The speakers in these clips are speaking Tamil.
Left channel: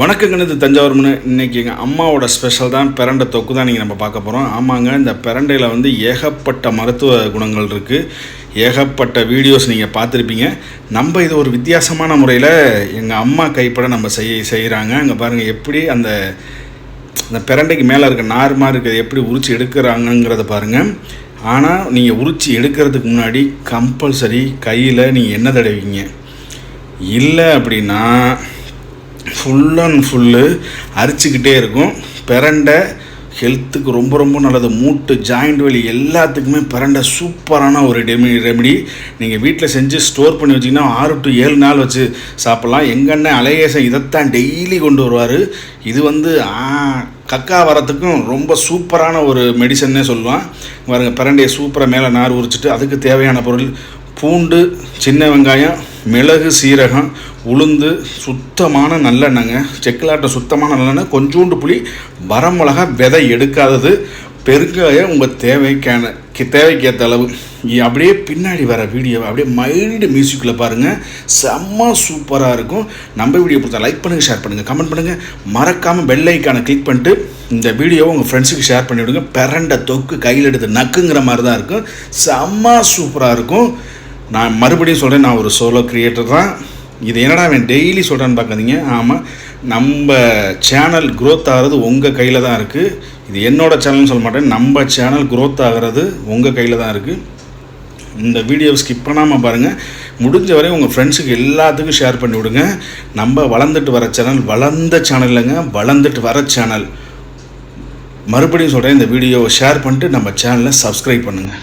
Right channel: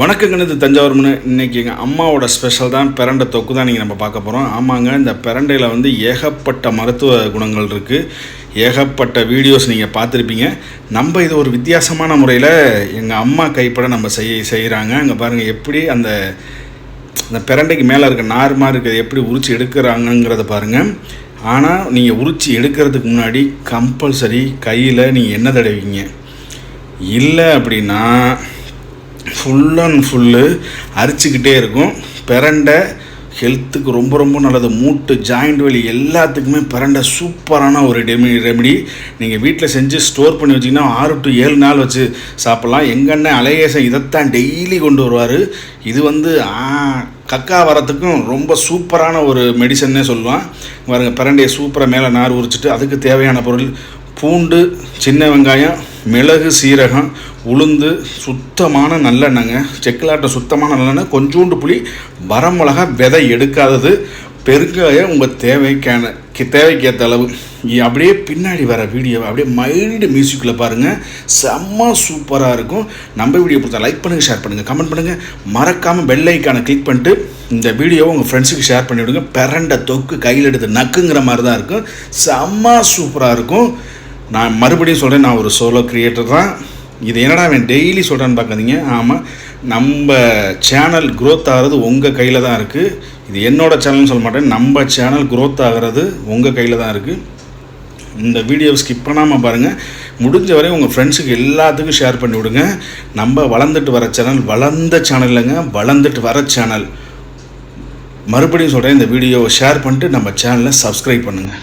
வணக்கங்க, இது தஞ்சாவூர்னு. இன்றைக்கி எங்கள் அம்மாவோட ஸ்பெஷல் தான் பிரண்டை தொக்கு தான் நீங்கள் நம்ம பார்க்க போகிறோம். ஆமாங்க, இந்த பிரண்டையில் வந்து ஏகப்பட்ட மருத்துவ குணங்கள் இருக்குது. ஏகப்பட்ட வீடியோஸ் நீங்கள் பார்த்துருப்பீங்க. நம்ம இது ஒரு வித்தியாசமான முறையில் எங்கள் அம்மா கைப்பட நம்ம செய்கிறாங்க. அங்கே பாருங்கள் எப்படி அந்த பிரண்டைக்கு மேலே இருக்க நார்மாக இருக்கிறது எப்படி உரித்து எடுக்கிறாங்கங்கிறத பாருங்கள். ஆனால் நீங்கள் உரித்து எடுக்கிறதுக்கு முன்னாடி கம்பல்சரி கையில் நீங்கள் எண்ணெய் தடவிங்க. இல்லை அப்படின்னா ஃபுல் அண்ட் ஃபுல்லு அரிச்சிக்கிட்டே இருக்கும். பிரண்டை ஹெல்த்துக்கு ரொம்ப ரொம்ப நல்லது. மூட்டு ஜாயிண்ட் வலி எல்லாத்துக்குமே பிரண்டை சூப்பரான ஒரு ரெமெடி. நீங்கள் வீட்டில் செஞ்சு ஸ்டோர் பண்ணி வச்சிங்கன்னா 6 to 7 நாள் வச்சு சாப்பிட்லாம். எங்கண்ணே அலையேசன் இதைத்தான் டெய்லி கொண்டு வருவார். இது வந்து கக்கா வரத்துக்கும் ரொம்ப சூப்பரான ஒரு மெடிசன்னே சொல்லுவான். பாருங்க, பிரண்டையை சூப்பராக மேலே நார் உரிச்சிட்டு அதுக்கு தேவையான பொருள் பூண்டு, சின்ன வெங்காயம், மிளகு, சீரகம், உளுந்து, சுத்தமான நல்லெண்ணெய்ங்க, செக்கிலாட்ட சுத்தமான நல்லெண்ணெய், கொஞ்சோண்டு புளி, வரமிளகா விதை எடுக்காதது, பெருங்காயம் உங்கள் தேவைக்கேற்ற அளவு. அப்படியே பின்னாடி வர வீடியோவை அப்படியே மைல்டு மியூசிக்கில் பாருங்கள், செம்ம சூப்பராக இருக்கும். நம்ம வீடியோ பிடிச்சா லைக் பண்ணுங்கள், ஷேர் பண்ணுங்கள், கமெண்ட் பண்ணுங்கள். மறக்காமல் பெல் ஐக்கானை கிளிக் பண்ணிட்டு இந்த வீடியோவை உங்கள் ஃப்ரெண்ட்ஸுக்கு ஷேர் பண்ணிவிடுங்க. பிரண்டை தொக்கு கையில் எடுத்து நக்குங்கிற மாதிரி தான் இருக்கும். செம்ம சூப்பராக இருக்கும். நான் மறுபடியும் சொல்கிறேன், நான் ஒரு சோலோ கிரியேட்டர் தான். இது என்னடா அவன் டெய்லி சொல்கிறான்னு பார்க்காதீங்க. ஆமாம், நம்ம சேனல் க்ரோத் ஆகிறது உங்கள் கையில் தான் இருக்குது. இது என்னோடய சேனல்னு சொல்ல மாட்டேன், நம்ம சேனல் க்ரோத் ஆகிறது உங்கள் கையில் தான் இருக்குது. இந்த வீடியோவை ஸ்கிப் பண்ணாமல் பாருங்கள். முடிஞ்ச வரை உங்கள் ஃப்ரெண்ட்ஸுக்கு எல்லாத்துக்கும் ஷேர் பண்ணி விடுங்க. நம்ம வளர்ந்துட்டு வர சேனல் வளர்ந்த சேனல் இல்லைங்க, வளர்ந்துட்டு வர சேனல். மறுபடியும் சொல்கிறேன், இந்த வீடியோவை ஷேர் பண்ணிட்டு நம்ம சேனலை சப்ஸ்கிரைப் பண்ணுங்கள்.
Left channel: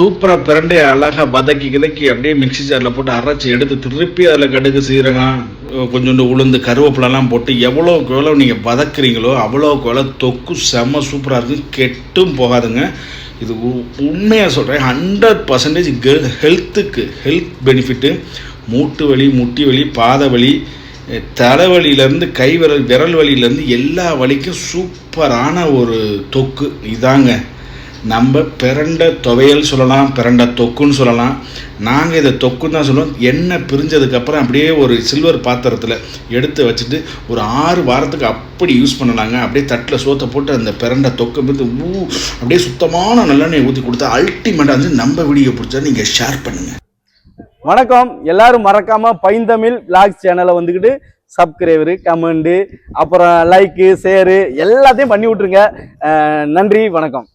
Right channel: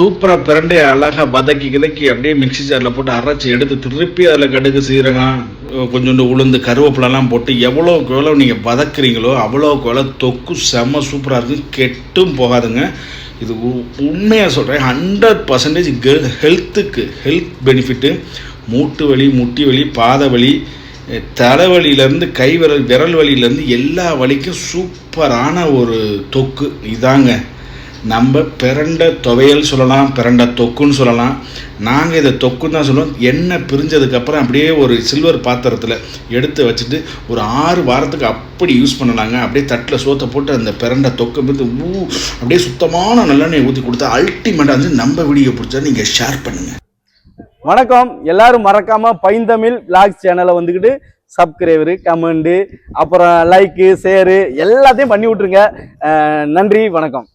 சூப்பராக பிரண்டையை அழகாக வதக்கி அப்படியே மிக்ஸி ஜாரில் போட்டு அரைச்சி எடுத்து திருப்பி அதில் கடுகு சீரகம் கொஞ்சோண்டு உளுந்து கருவேப்பிலெல்லாம் போட்டு எவ்வளோக்கு எவ்வளோ நீங்கள் வதக்குறீங்களோ அவ்வளோக்கு எவ்வளோ தொக்கு செம்ம சூப்பராக இருக்கும், கெட்டும் போகாதுங்க. இது உண்மையாக சொல்கிறேன், 100% ஹெல்த் பெனிஃபிட்டு. மூட்டு வலி, முட்டி வலி, பாத வலி, தலைவலியிலேருந்து விரல் வலியிலேருந்து எல்லா வலிக்கும் சூப்பரான ஒரு தொக்கு இதாங்க. நம்ம பிரண்டை துவையல் சொல்லலாம், பிரண்டை தொக்குன்னு சொல்லலாம். நாங்கள் இதை தொக்குன்னு தான் சொல்லுவோம். எண்ணெய் பிரிஞ்சதுக்கப்புறம் அப்படியே ஒரு சில்வர் பாத்திரத்தில் எடுத்து வச்சுட்டு ஒரு 6 வாரத்துக்கு அப்படி யூஸ் பண்ணலாங்க. அப்படியே தட்டில் சோத்தை போட்டு அந்த பிரண்டை தொக்கை வந்து அப்படியே சுத்தமான நல்லெண்ணெய் ஊற்றி கொடுத்தா அல்டிமேட்டாக வந்து நம்ம வீடியோ பிடிச்சா நீங்கள் ஷேர் பண்ணுங்கள். வணக்கம், எல்லாரும் மறக்காம பைந்தமிழ் விளாக்ஸ் சேனலை வந்துக்கிட்டு சப்ஸ்கிரைபரு, கமெண்டு, அப்புறம் லைக்கு, ஷேரு எல்லாத்தையும் பண்ணி விட்ருங்க. நன்றி, வணக்கம்.